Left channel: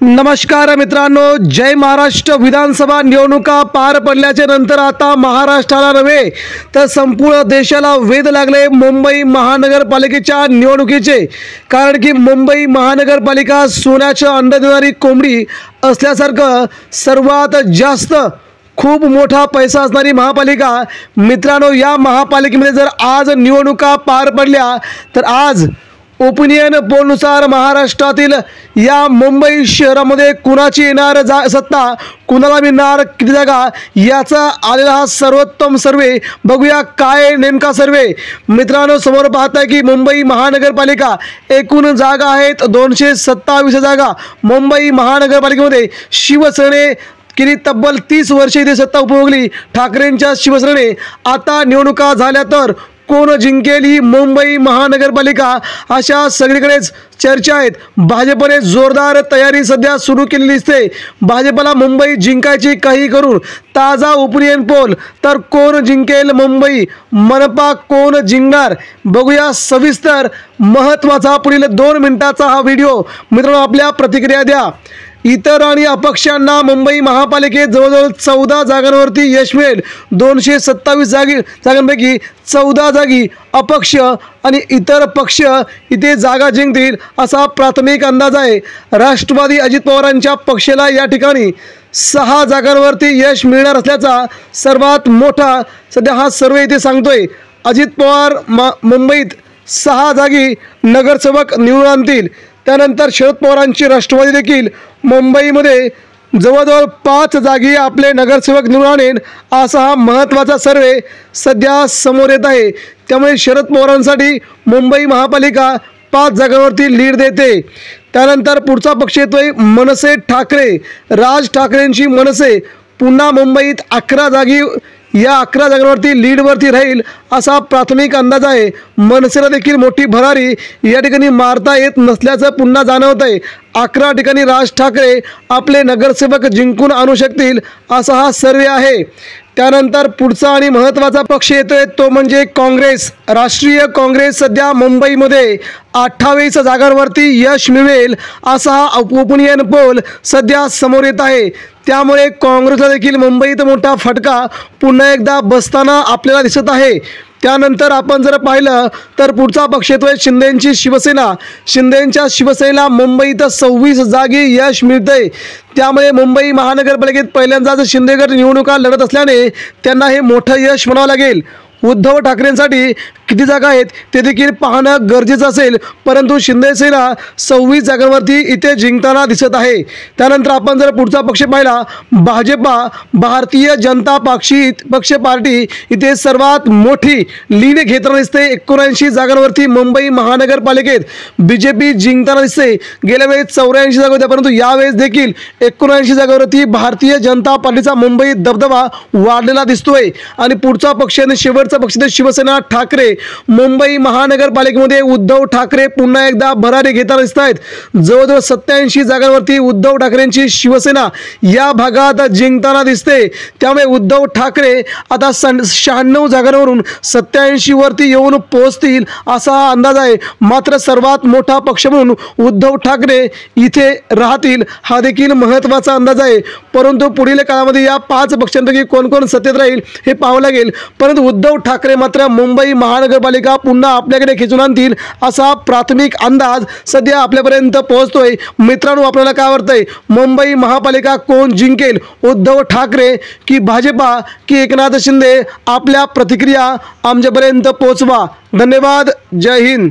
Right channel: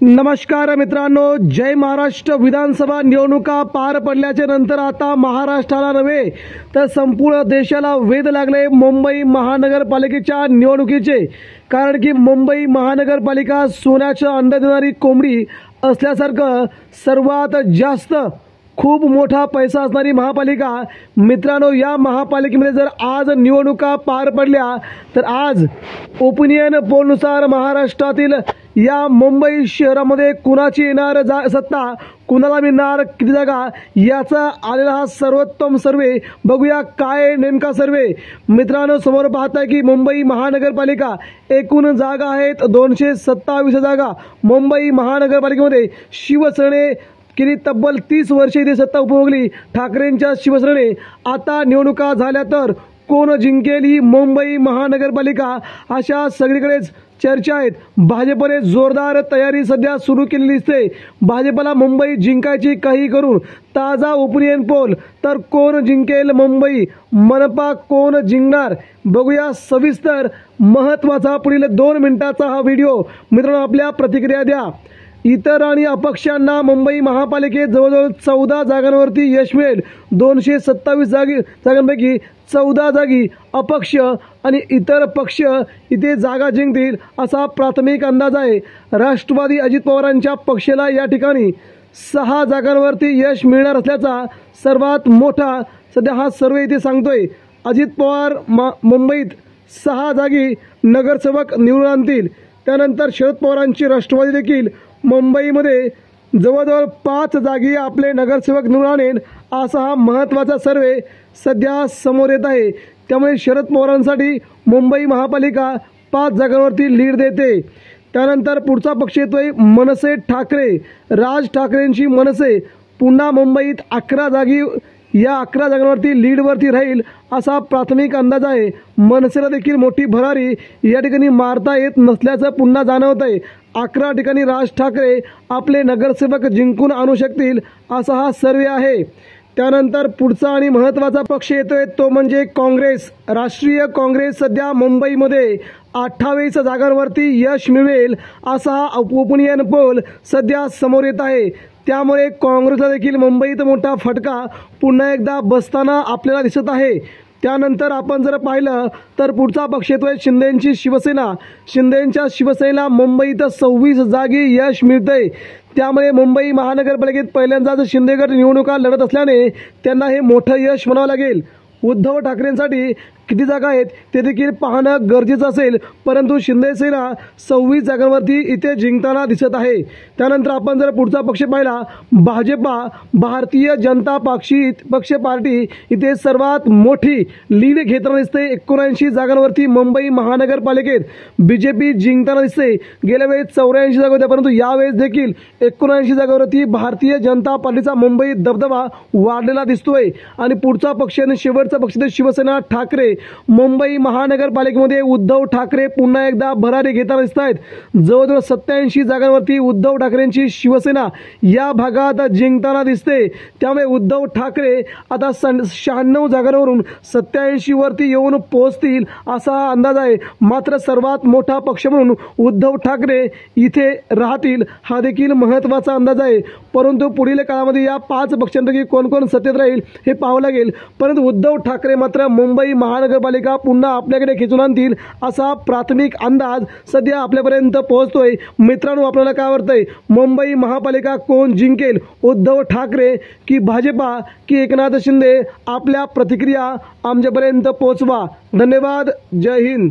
नमस्कार मित्रांनो, जय महाराष्ट्र। विधानसभा निवडणुका पार पडल्याच्या नंतर आता महाराष्ट्राला नव्हे तर संपूर्ण देशाला वेध लागले मुंबई महानगरपालिकेच्या निवडणुकीचे। कारण की मुंबई महानगरपालिका सोन्याचं अंड देणारी कोंबडी असल्यासारखं सर्वात जास्त खूप मोठा पैसा असणारी महापालिका। मित्रांनो, या महापालिकेमध्ये जर आज निवडणुका पार पडल्या तर आज ओपिनियन पोलनुसार महाराष्ट्रातील या मुंबई शहरामध्ये कुणाची येणार सत्ता, कुणाला मिळणार किती जागा, याचा आलेला हा सर्वोत्तम सर्वे। बघूया काय नेमका सर्वे। मित्रांनो, समोर पाहताय की मुंबई महानगरपालिका एकूण जागा आहेत 227 जागा। मुंबई महानगरपालिकेमध्ये शिवसेने गेली तब्बल 30 वर्षे इथे सत्ता उपभोगली ठाकरेंच्या शिवसेनेने। आता निवडणुका झाल्या तर कोण जिंकेल ही मुंबई महानगरपालिका, अशा सगळीकडेच चर्चा आहेत। भाजपने जोरदार तयारी सध्या सुरू केलेली दिसते। भाजपला मुंबई जिंकायची काही करून ताजा ओपिनियन पोल, तर कोण जिंकेल मुंबई, मनपा कोण जिंकणार, बघूया सविस्तर। महत्त्वाचा पुढील 2 मिनिटाचा हा व्हिडिओ। मित्रांनो, आपल्या प्रतिक्रिया द्या। इतर आणि अपक्षांना मुंबई महापालिकेत जवळजवळ 14 जागांवरती यश मिळेल। 227 जागांपैकी 14 जागी अपक्ष आणि इतर पक्ष इथे जागा जिंकतील असा प्राथमिक अंदाज आहे। राष्ट्रवादी अजित पवारांच्या पक्षाला या ठिकाणी 6 जागांवरती यश मिळणार असल्याचा सर्वात मोठा सध्या हा सर्वे इथे सांगतोय। अजित पवार मुंबईत 6 जागी नगरसेवक निवडून आणतील। त्यानंतर शरद पवारांची राष्ट्रवादी देखील मुंबईमध्ये जवळजवळ 5 जागी आपले नगरसेवक निवडून आणेल असा हा महत्त्वाचा सर्वे सध्या समोर येत आहे। त्यामुळे शरद पवारांसाठी मुंबई महापालिका 5 जागांवरती लीड देते। त्यानंतर पुढचा पक्ष येतोय मनसे ठाकरे। राज ठाकरेंची मनसे पुन्हा मुंबईत 11 जागी, या 11 जागांवरती लीडवरती राहील असा प्राथमिक अंदाज आहे। मनसेला देखील मोठी भरारी या ठिकाणी मारता येत नसल्याचं पुन्हा जाणवत आहे। 11 ठिकाणी राज ठाकरे आपले नगरसेवक जिंकून आणू शकतील असा हा सर्वे आहे। त्यानंतर पुढचा आणि महत्त्वाचा पक्ष येतोय तो म्हणजे काँग्रेस। राष्ट्रीय काँग्रेस सध्या मुंबईमध्ये 28 जागांवरती यश मिळवेल असा हा ओपिनियन पोल सध्या समोर येत आहे। त्यामुळे काँग्रेसला देखील मुंबईत मोठा फटका पुन्हा एकदा बसताना आपल्याला दिसत आहे। त्यानंतर आपण जर पाहिलं तर पुढचा पक्ष येतोय शिंदेंची शिवसेना। शिंदेंच्या शिवसेनेला मुंबईत 26 जागी यश मिळते। त्यामुळे मुंबई महानगरपालिकेत पहिल्यांदाच शिंदेगड निवडणुका लढत असल्याने त्यांना हे मोठं यश म्हणावं लागेल। उद्धव ठाकरेंसाठी किती जागा आहेत ते देखील पाहणं गरजेचं असेल, परंतु शिंदेसेना 26 जागांवरती इथे जिंकताना दिसत आहे। त्यानंतर आपण जर पुढचा पक्ष पाहिला भाजपा, भारतीय जनता पक्ष पार्टी इथे सर्वात मोठी लीड घेताना दिसते। 79 जागांवरती मुंबई महानगरपालिकेत बीजेपी जिंकताना दिसते। गेल्या वेळेस 84 जागा होत्या, परंतु यावेळेस देखील 79 जागांवरती भारतीय जनता पार्टीचा मुंबईत दबदबा वाढलेला दिसतोय। आणि पुढचा पक्ष आणि शेवटचा पक्ष शिवसेना ठाकरे। मुंबई महानगरपालिकेमध्ये उद्धव ठाकरे पुन्हा एकदा भरारी घेताना दिसत आहेत। जवळजवळ 87 जागांवरती उद्धव ठाकरेंची शिवसेना या भागात जिंकताना दिसते। त्यामुळे उद्धव ठाकरे आता 96 जागांवरून 87 वरती येऊन पोहोचतील असा अंदाज आहे। मात्र सर्वात मोठा पक्ष म्हणून उद्धव ठाकरे इथे राहतील हा देखील महत्त्वाचा अंदाज आहे। परंतु पुढील काळामध्ये या 5 पक्षांपैकी कोण कोण सत्तेत राहील हे पाहावं लागेल। परंतु उद्धव ठाकरे मात्र मुंबई महानगरपालिका पुन्हा आपल्याकडे खेचून आणतील असा प्राथमिक अंदाज सध्या आपल्यापर्यंत पोहोचतोय। मित्रांनो, आपल्याला काय वाटतंय, मुंबई महापालिका कोण जिंकेल, उद्धव ठाकरे की भाजपा की एकनाथ शिंदे? आपल्या प्रतिक्रिया आमच्यापर्यंत पोहोचवा। धन्यवाद। जय हिंद।